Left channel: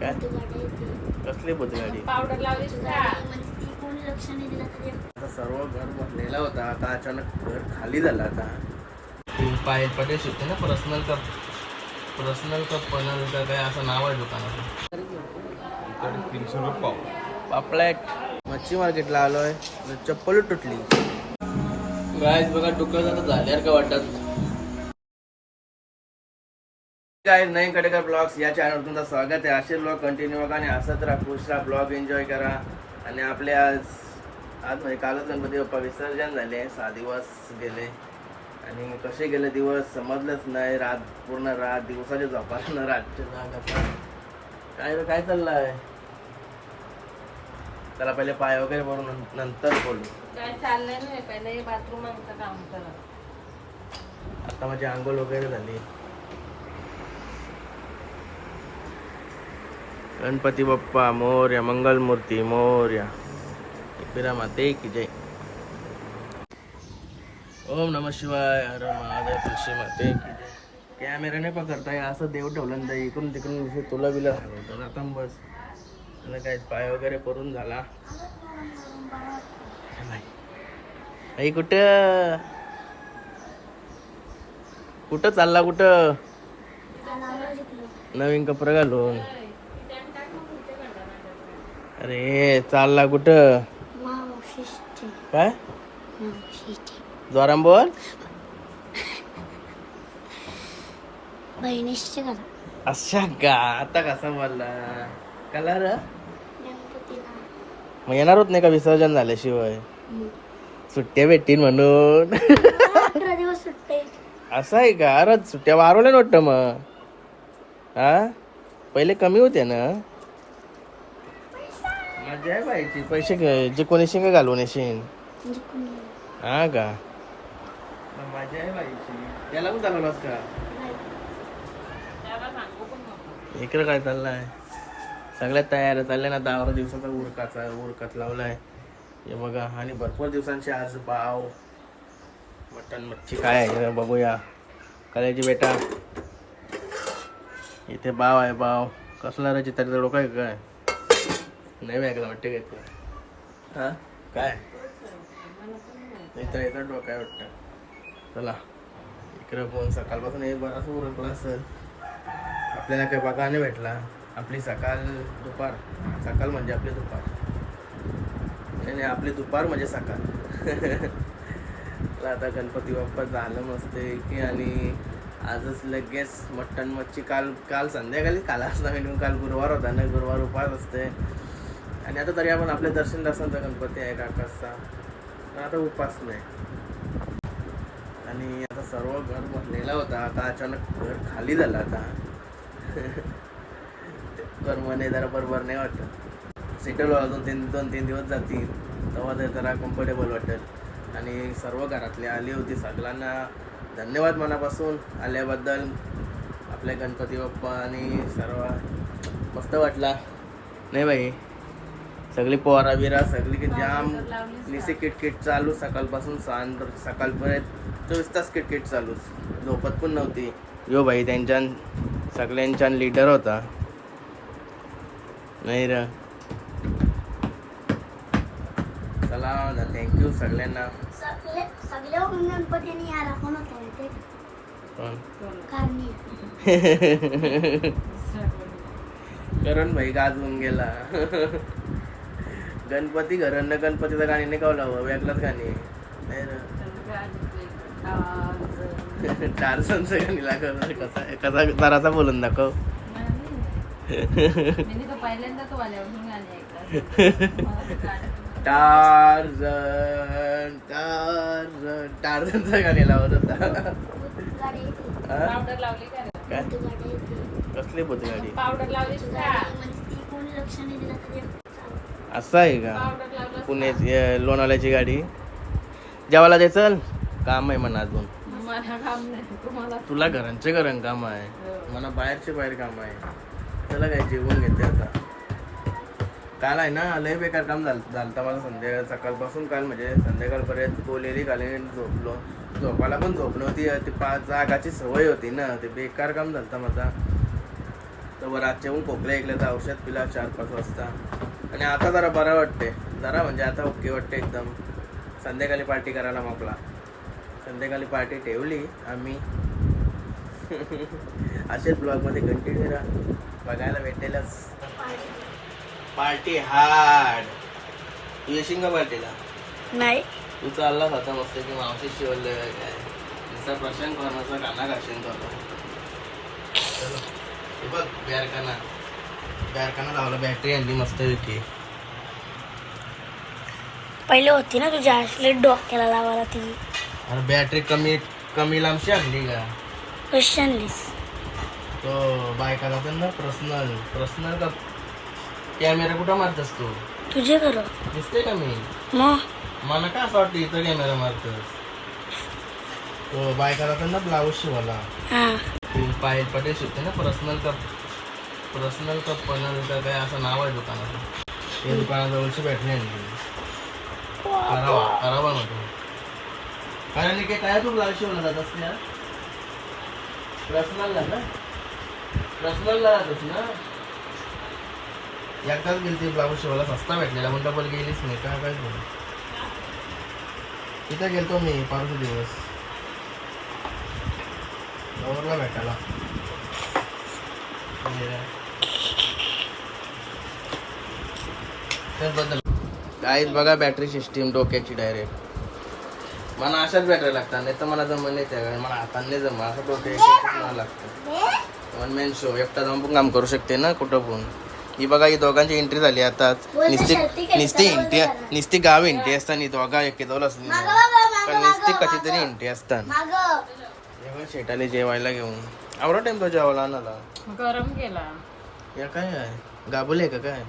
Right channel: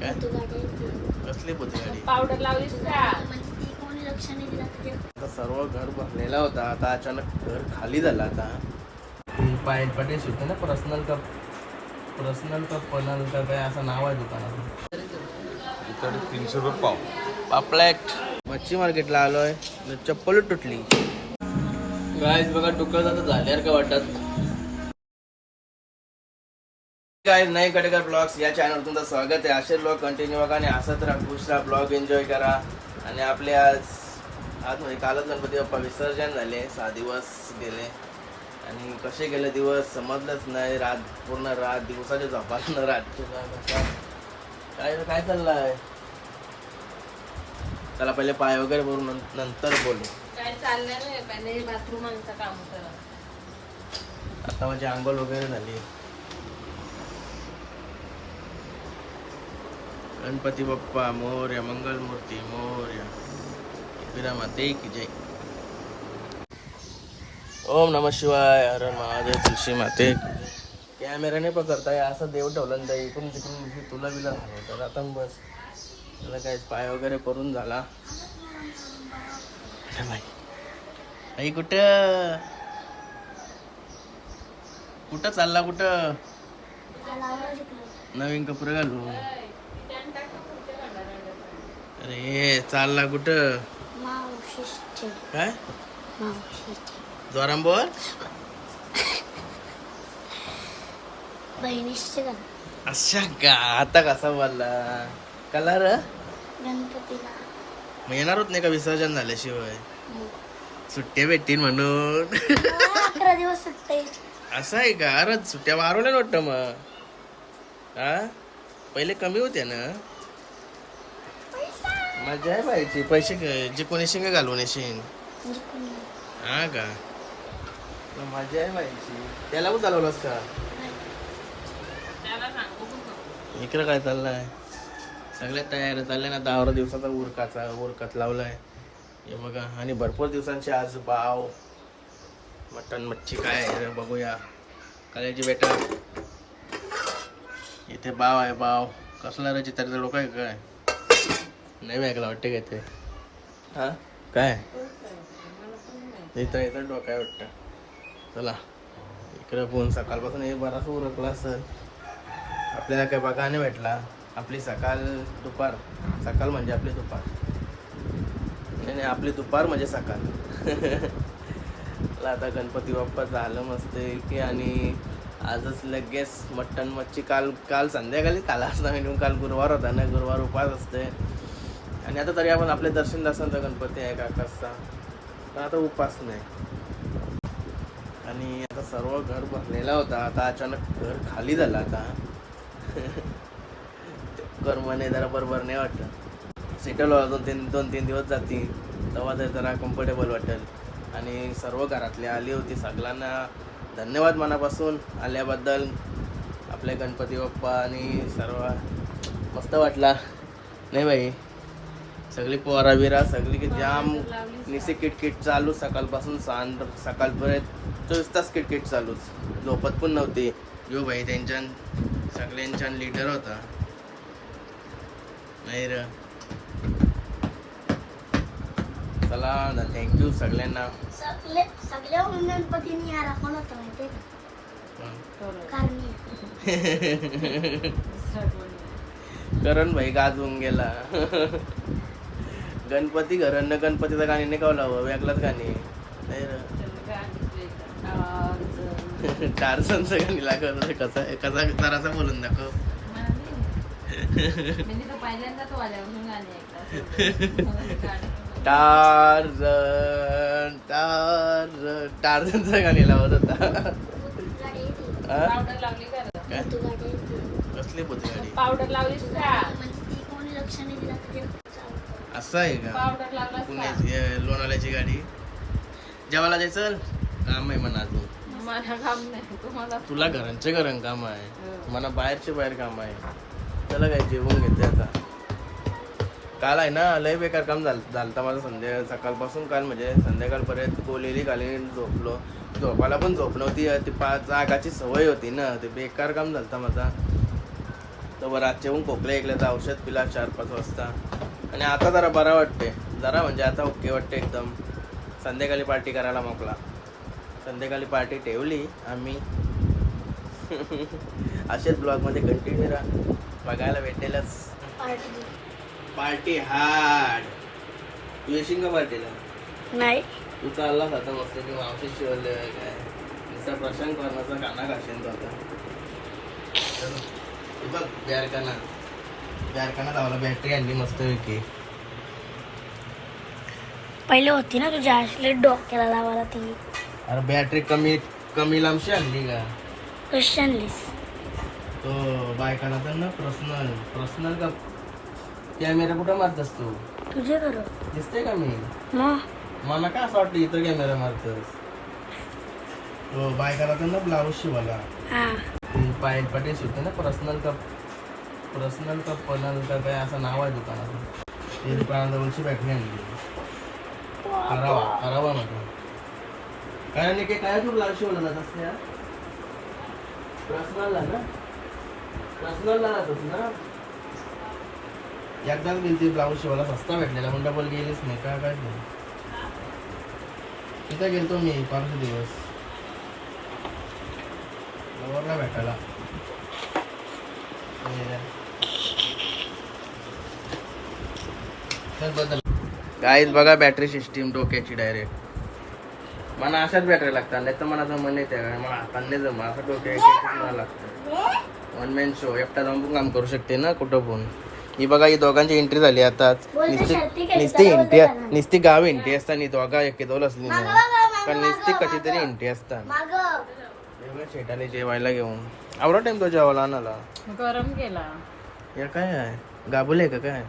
काय? कसली गाडी पावडर का म्हणजे सर्व घर भरलेला होता आता अचानक घर खाली झालं आता. पाय पटेल शिकते ना पर्सनल कप. पर्सनल कप पनल का काय असं नाव आहे दुकानाचं? इकडे तीनशे रुपये पाव. पापलेट. मच्छी मार्केटला आलोय. चप्पल तुटली. गायच बघा झाल्यावर का वाटत. काय नाही कडेकर ब्लॉग्स या चॅनलवर तुमचं स्वागत आहे. असे ब्लॉग कंटिन्यू बघा आणि हसत राहा खुश राहा ब्लॉग एन्जॉय करा. आणि आपले आज आज म्हणजे कालच गणपती बाप्पा विसर्जन झाले सहा दिवस गेले. आणि कसे गेले दिवस समजलंच नाही. रात पूर्ण रात दिवसाच्या झोपाला न रातचे काय काय चाललंय? त्याला पहिले पाय वगैरे भरून नंतर बोलू. काय चाललं नाही पहिले बाथरूमचं काम करा. आता माझी आंघोळ वगैरे झाली. गणपती बाप्पा मोर्या मंगलमूर्ती मोर्या एकविरा माते की जय ओम नम शिवाय अरे महादेव तुळशी माते की जय नाही पकडताय असं देव ठेवलं ना ताई. इकडून तिकडून विषय तुला बिला तर आता बस त्याला काय पाय वगैरे करून झाला नाही आई कुठं कुठं चालला कुठं नवीन कपडे घालून अरे चालला कुठं? मावशीचे. काय? मावशीचे. जोराम बोल. बहिणीचे का? अशा का? आता कसा बोलला? कलर? गणपतीला. मग येणार होत नाही का? विसर्जन झाल्याशिवाय. मग सुट्ट्या भेटतील म्हणून. अकरा दिवस सुट्टे असं आहे का? अरे सुट्ट्या वारवल्या ना वाटतं मग. हा? पहिले कमी होते ना? मजा आहे पाहिजे पैसे काय- जे कोणी शिंग घालून येशील. म्हणजे हा का? मग मजा आहे पाहिजे त्याला पण चालवलास का. इकडं काय चाललंय? सगळ्यात तयार चाललंय ना दहा दिवसाचा उरकाचा उरकत लावलाय. हे बघा आणि भरपूर दिवसांचे आज पाव मटन मच्छी काय आहे जरा बघूया. कलेजी बेटा इथे बाव आहे बाव कसला रे चित्राचं डोकं आहे काय? नाही ऐकलं वाटतं काय ते हा? काय? इथं इथं डोकं आहे वाटतं. चला. इकडं पण सकाळपासून एक बराच उरकला असेल. आपल्याला काही बघा नाही भेटला. आपली सकाळ दुपार. सकाळ म्हणजे आपली दुपार. नाही नाही आपली दुपार म्हणजे सकाळ. आता गणपती बाप्पा झालं मस्त की आणि आजच लगेच मटण मच्छी. काल काल संध्याकाळी काल असता मी काल गुरुवार होता ना. गुरुवार उपास असते आणि आता तरी आपण आपले दर्शन दासांचा गणपती आहे काकाचा. पण आता उपास नाही. आणि आता सर्व घर भरलेला होता. आता अचानक घर खाली झाला आता. कर्मने जरा बरोबर नाही वाटत. सेटल व्हायला दोन तीन दोन तीन दिवस जातील. तेव्हा ते जरा कम्फर्टेबल वाटेल. आणि सर्व घरातले आली होती सगळ्यांना धन्यवाद मनापासून. आल्याबद्दल आपले गणपती बाप्पा आणि सर्व मस्त वाटला. नाही बाई? सगळी पोरा बिरा सगळी की जाम निसे किटकिट चालू सकाळपासून सांज सकाळपर्यंत चोवीस तास किटकिट चालूच. झोपत पण नव्हती. यो भाई त्यांच्या सगळ्यांच्या लीडर होता. नाही र. चला ना थँक्यू सगळ्यांना. करण भाई गाजवून गेला. गणपती घरन गणपतीचं गाणी नाही कावला वेगळंच गाणी. नाही र टारसनचं गाणी लागलं कसं कसा जरासा बोलून दाखव. टार्झन टार्झन टार्झनचं गाणी लावत होता. गाडी येते? पावडर लावली का? काय? तू गाडी येते कसली होती गाडी पावडर लावली असं आहे का? पुण्याची लोणावळ्याची गाडी. जेवायला जायचं काम आहे म्हणा अजून. तुला घरांचे घरं काम आहे. मला बाहेरचे बाहेर काम आहे. चला काय जेवून घेते आता. काल आहे ना लय बेकार काम झालं झालं माझं संध्या सकाळपासून काल म्हणजे संध्याकाळपर्यंत गोलेली काली झोपलो झोपायला पण झोप नव्हती. ती पाच जागाची सवय होती ना ते बेकार काम झालं माझा. तर रातचे पण खोकले ऐकले तर औषध पिला चार पाच वाजता. आणि आता जरा बरं वाटते जरा म्हणजे आता ओके वाटते एकदम. संध्याकाळी पार्टी करायला मोकला. संध्याकाळी पार्टी ठेवली आम्ही. असेच ब्लॉगमध्ये कंटिन्यू राहा. बघायला भेटेलच. पार्टी हार्ड तू येशील का पार्टीला? नाही. तू चाललास आता मस्त ते मावशी शिवले काय तिचा प्रशांत कॉर्नरचा काना घालशील तो आता. हे बघ बॅरकाना लावला. बॅटरी आणली मस्त पहिले होती ना तुझ्या असले डोक्याला लावायला ती. अरे बॅटरी कमी कमी लांबची आणली का? कशी आणलीस? तो बायकाला तर ना पर्सनल पर्सनल का? कॅमेरा कुठं मारतस तू? तुझे खरं दिसते का मी? मला काय असं वाटतं इथं कॅमेरा मारतस? तो बायकाला तर ना ब्लाऊज शिवाला. हा. ती पायल पटेल शिवते ना पर्सनल कप पर्सनल कप पनल का काय असं नाव आहे दुकानाचं? ते दुकानाजवळची बॅटरी आणली करावा करावा नको कारण काय काय तू ब्लाऊज शिवला जात असते पर्सनलला ना? पर्सनलला जातोस ना? एकदाच गेली ती ब्लाऊज शिवायला सस्ता भेटलेला. पण डबल गेलीच नाही काय काय नाही तिथं गेलतो मी पाच दिवस. नवरला भेटायला. गाईज बघा बॅटरी सिस्टीम डोक्याची डायरेक्ट मला अशाच बॅटरी लागतात नाही तर मला जमत नाही त्यावेळेला मला हाताने जम असं डोक्याची मला लागतं. वन मॅन शो एकटा जाऊन पण काम करू शकते ना कुठं पण. ही बघा ही दोघांची एंट्री झाली आता. निस्ती निस्ती इंटी निस्ती गाव इंटी असताना दोघा एकेदोल असली पण निस्ती कशी तरी इंटी असतात. माग. जेव्हा शेटाले जेवायला घेऊन. आवडा टाइम तो जेवायला आणाला गरम केला. या काय आहे? गाबुले का काय?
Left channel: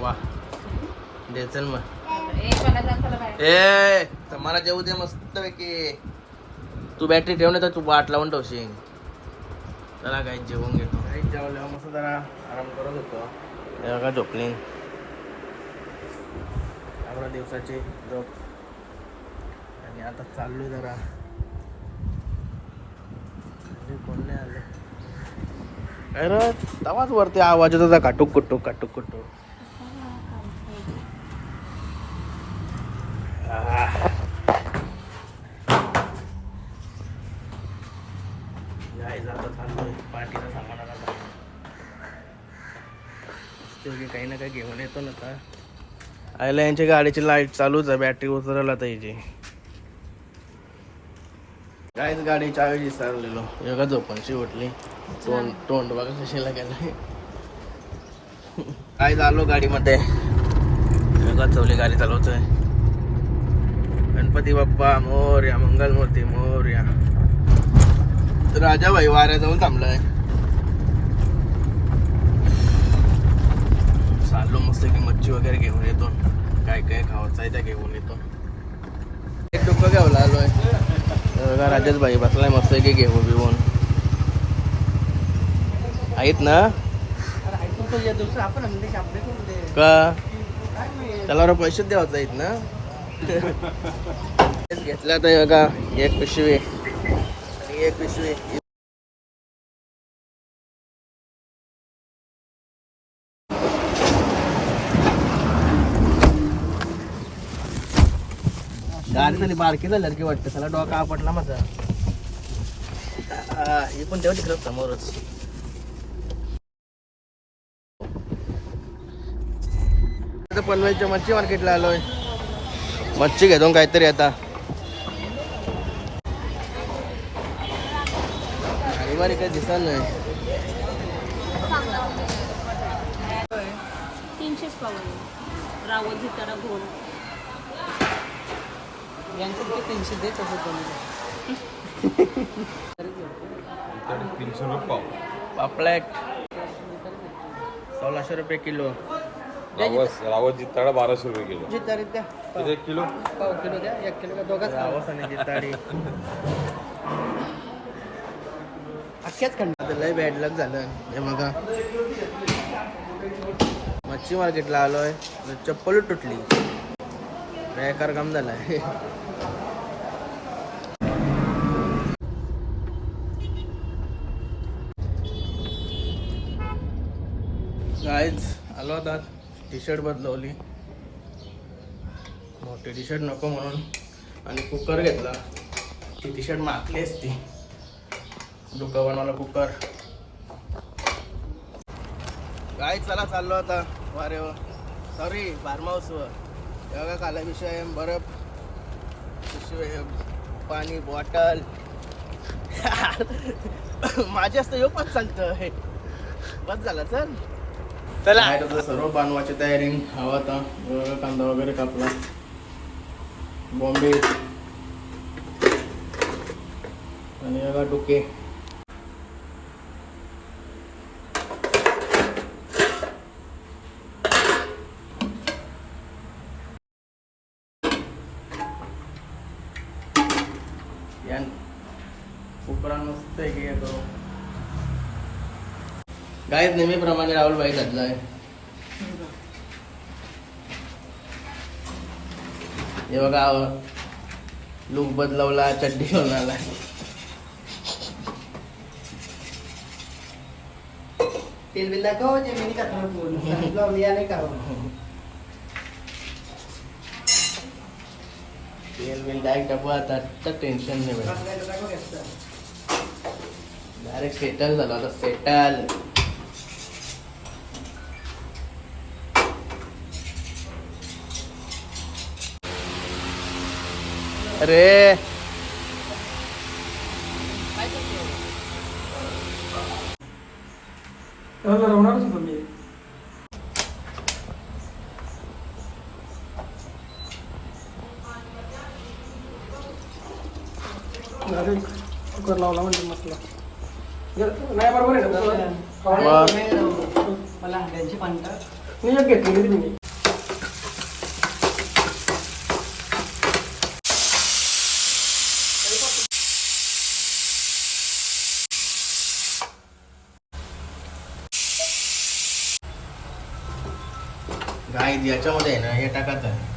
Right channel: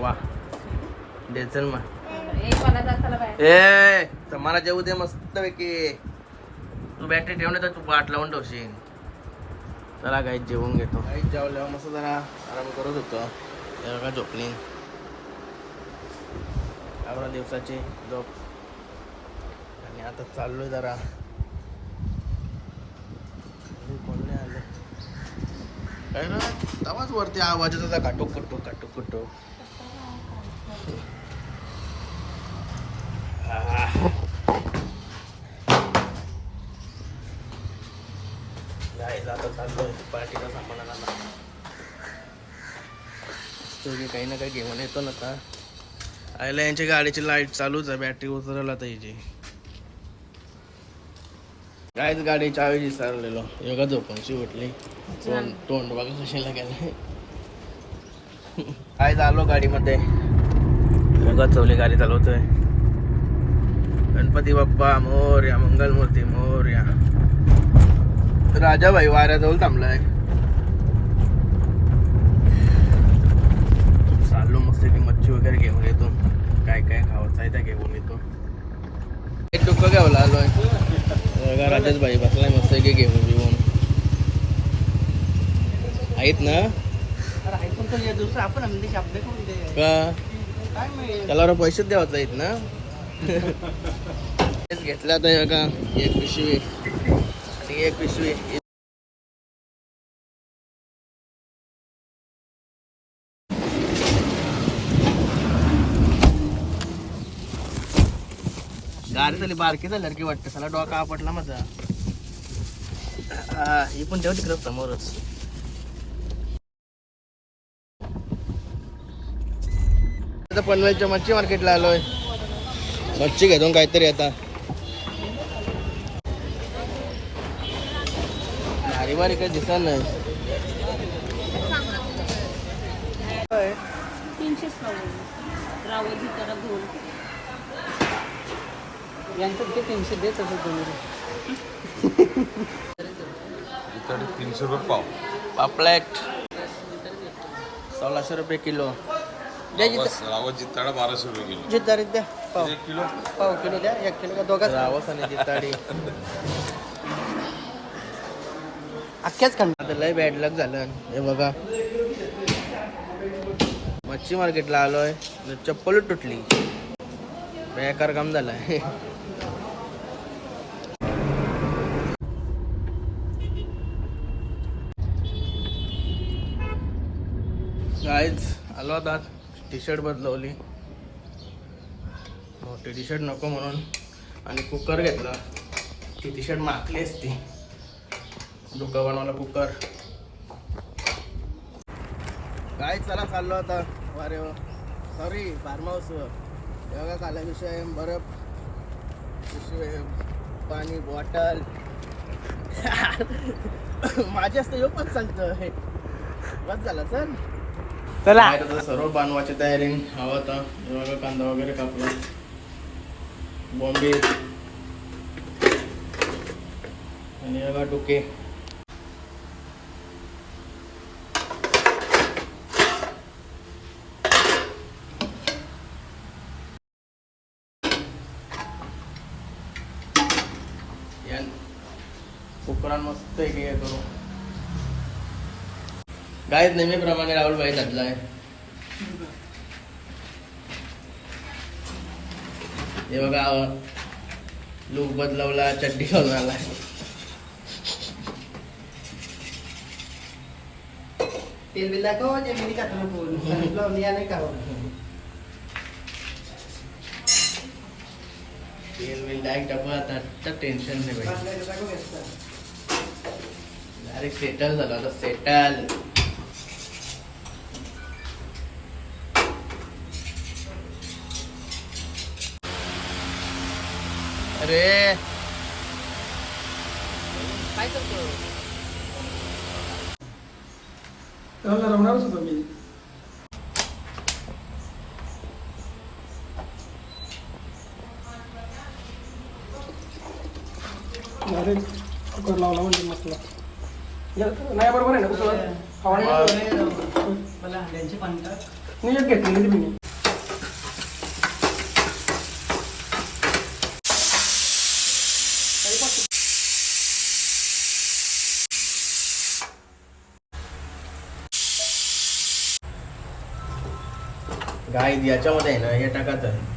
वा. दे चल मग. ए तर मला जेवू दे मस्त पैकी तू बॅटरी ठेव नाही तर तू वाट लावून ठेवशील. चला काही जेवून घेतो. काही जेवल्यावर मस्त जरा आराम करत होतो. तेव्हा का झोपलीन. आपल्या दिवसाची झोप. आणि आता चाललोय जरा. कोण नाही आले? काय रे तवाच वरती आवाज येत होता. काटूक कुटूक काटूक कुटूक. तुझी काही ना काही घेऊन येतो ना का? आयला यांच्या गाडीची लाइट चालूच आहे बॅटरी उतरला आता हिची. काहीच गाडी चावी विसरलेलो योगा झोपणशी उठली. तोंड तोंड बघा सुशीला गेलं काय झालो गाडीमध्ये. योगा चवली गाडी चालवतोय. गणपती बाप्पा मोर्या मंगलमूर्ती मोर्या. राजाभाई वाऱ्याजवळ थांबलाय. चाललो मस्त की मच्छी वगैरे घेऊन येतो. काय काय खावायचं आहे त्या घेऊन येतो. एक डुक्क घ्यावं आलोय आहे राजाच भाई बसलाय मस्त की घेऊन घेऊन आहेत ना? का? त्याला पैसेच पैसे आहेत ना? तेच तर का एक पिशवी. आणि एक पिशवी. गाडी झाली बारकी झाली की वाटतं. त्याला डोका आपटला माझा. हे पण ठेव तिकडं समोरच. आता पनवेलच्या मच्छी मार्केटला आलोय. मच्छी घेतो काहीतरी आता. भारी बारी काही दिसत नाही. तीनशेच पाहू रावत घेताना घोल तीनशे रुपये पाव. पापलेट सोळाशे रुपये किलो. रावस जिताडा बाराशे रुपये किलो. किती एक किलो? रावस आणि जिताडी आता लय बॅड लक झालं. हे बघा. मच्छी मार्केटला आलोय. चप्पल तुटली. बेकार काम झालाय. गायज आलो आता. टी शर्ट बदलवली. मोठी टी शर्ट नको म्हणून. आणि कुकर घेतला. ती टी शर्ट मागली असती. डोकं बनवलं कुकर काय चला चाललो आता. वारे. सॉरी बारमाऊस एवढा काला विषय बरफ. पाणी बॉटल माझे असतं येऊ पण सांगतं हे. बस झालं चल. चला. सर्व बांधवाची तयारी. हवा आता कांदा वगैरे कापला. बॉम्बे. आणि बघा डोके. या कुकरान मस्त एक हे करू? गायत नेहमीप्रमाणे राहुलबाई घातलाय हे बघा लुक बदलवला चड्डी घालून आला तेल बिल. डायरेक्ट डबा आता तर टेन्शन नाही भाई. डायरेक्ट सेटल झाला आता सेटल अरे त्याला रवणारच होतो मी Direct कुकर लावला म्हणजे मसला नाही बरोबर आहे ना कुकर? पाणी- मला हांड्यांची पाणी टाक नाही एक घेतलेली मी गाय याच्यामध्ये आहे ना हे टाकायचं आहे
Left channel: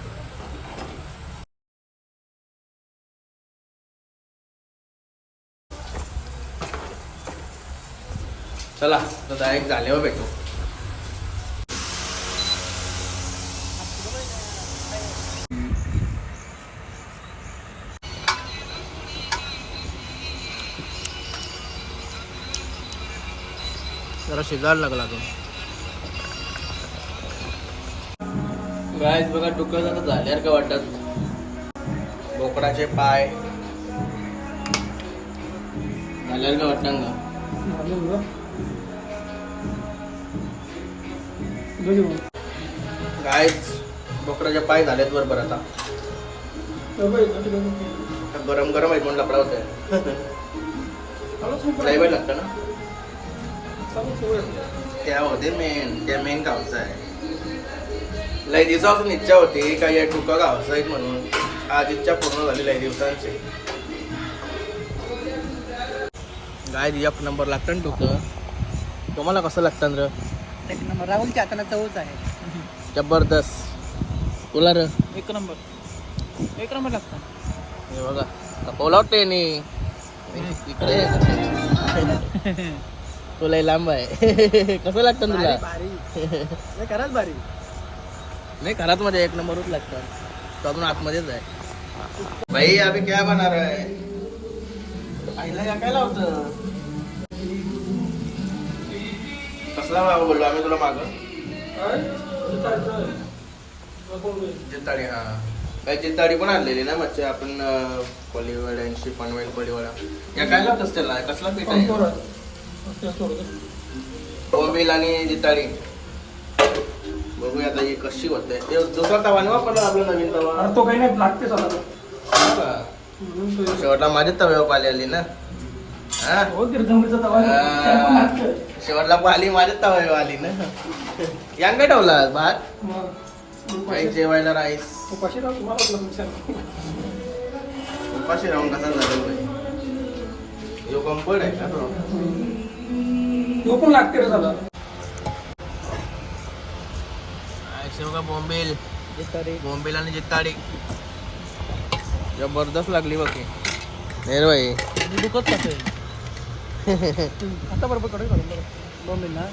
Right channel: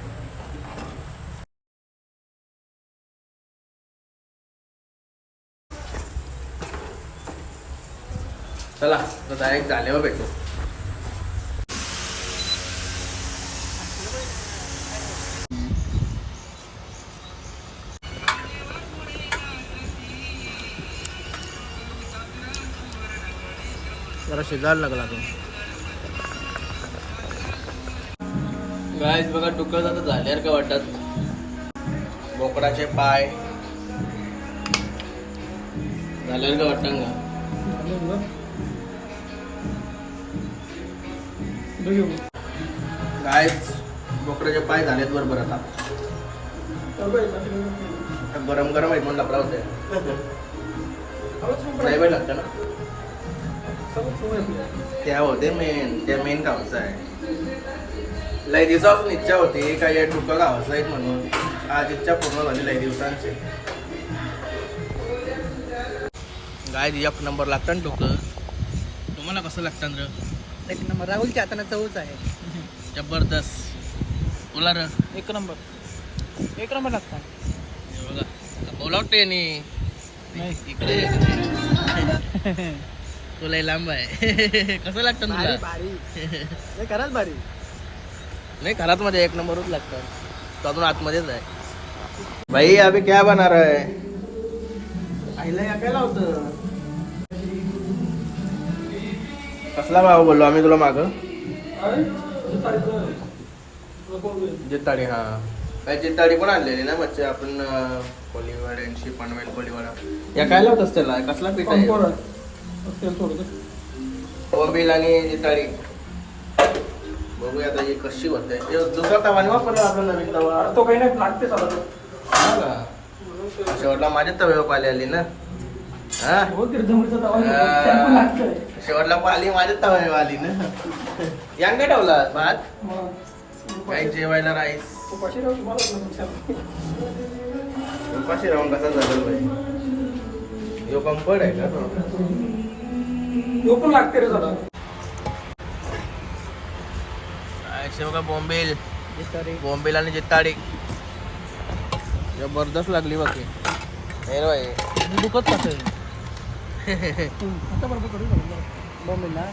चला तर डायरेक्ट झाल्यावर भेटू. जरा शिजायला लागला तो. गायच बघा टुकत आता झाल्यावर का वाटत. बोकडाचे पाय. झाल्यावर का वाटतं का गायच बोकडाचे पाय झालेत बरोबर आता. गरम गरम आहेत म्हणून लपडा नाही बाई लागतं ना? त्या होते मेन त्या मेन गावचा आहे. लय दिवसापासून इच्छा होती का या टुका गावचा आहेत म्हणून. आज इच्छा पूर्ण झाली लय दिवसांची गाय एक नंबर लागतं ना टुकं. तुम्हाला कसं लागतं र एक नंबर. राहुलच्या हाताने चवच आहे. जबरदस्त. तुला र? एक नंबर. एक नंबर लागतात हे बघा बोलावते नी इकडे. तुला लांब आहे. कसं लागतं भारी तुला? भारी. नाही खरंच भारी. नाही घरात मध्ये एक नंबरच लागतं. तो अजून आतमध्येच आहे. भाई अभी क्या बना रहा है? आईला या काय लावतं? कसला भाव बोललो आम्ही तुला माग? जिताडी हा. काही जिताडी पण आणलेली ना मच्छी आपण कोलीवाड्यांची पनवेल कोलीवाडा या काय लावतस त्याला? कसला पीठ आहे? कोबिल आणि जिताडी बघूया आता ही कशी होते. दुसरा तवा नाही वापरला आपला नवीन तवा. तो काही नाही लागते चला हा. का? शेवटला माझी तव्यावर पाली आली ना. हा? हो तवा शेवटला पाली माझ्या तव्यावर आली ना. यांग काय ठेवला भात? काही जेवायला राईस तू कशी राहू तुम्हाला विचारलं. उपाशी राहून कसं झालं पाहिजे यो कम्फर्ट आहे का तो तो पण लागते रे झाला शेवगा बॉम्बेल. बॉम्बेल आणि जित्ताडी जबरदस्त लागली बाकी. नेर भाई. दुखत कसं आता बरोबर कडे बॉम्बे ना?